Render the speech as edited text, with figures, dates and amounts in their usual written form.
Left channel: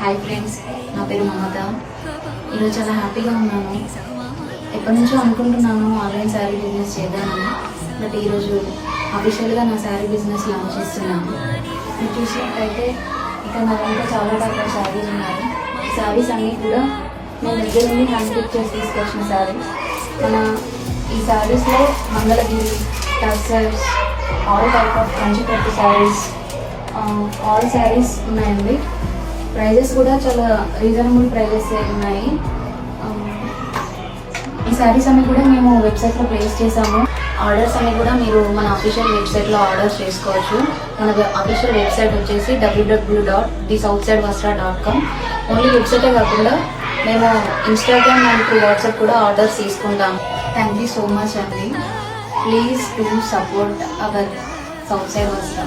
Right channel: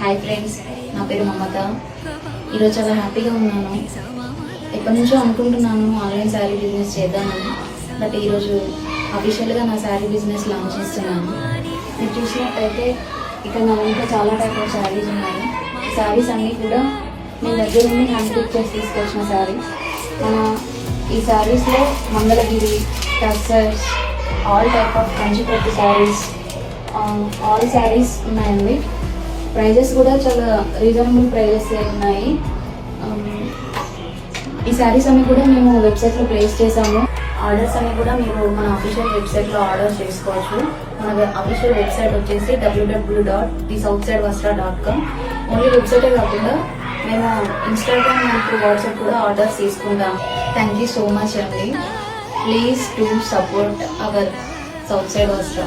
Hi friends, నా పేరు మమత. ఈరోజు చాలా హ్యాపీగా ఉన్నాను. ఎప్పటి నుంచో అనుకుంటున్నాను ఆన్లైన్ శారీ బిజినెస్ చేద్దామని. బట్ ఈరోజు అఫీషియల్గా నా శారీ బిజినెస్ లాంచ్ చేస్తున్నాను. మీరు చూసినట్టయితే ఇక్కడ నా దగ్గర చాలా టైప్ ఆఫ్ శారీస్ ఉన్నాయి. ఈ శారీస్ అన్నీ కూడా నేను దగ్గర నుండి హ్యాండ్ పిక్ చేసి తీసుకొచ్చిన శారీస్. ఈ శారీస్లో మంగళగిరి, టర్సర్స్, ఆల్ టైప్ ఆఫ్ కంచిపట్టు శారీస్, ఆల్ శారీస్ ఉన్నాయండి. ప్రైజెస్ కూడా చాలా రీజనబుల్ ప్రైజెస్ ఉన్నాయి. ఈ శారీస్ అన్ని కూడా మేము వెబ్సైట్లో ప్లేస్ చేసాము. ఆర్డర్స్ అన్ని కూడా మీరు మన అఫీషియల్ వెబ్సైట్లో ఆర్డర్ చేసుకోవచ్చు. మన అఫీషియల్ వెబ్సైట్ వచ్చేసి www.thesouthsidevastra.com. ఓన్లీ వెబ్సైటే కాకుండా మేము ఇన్స్టాగ్రామ్ మరియు వాట్సాప్ కూడా ఆర్డర్స్ తీసుకుంటాం. థ్యాంక్ యూ సో మచ్ అండి. Please to support our south side వస్త్రా.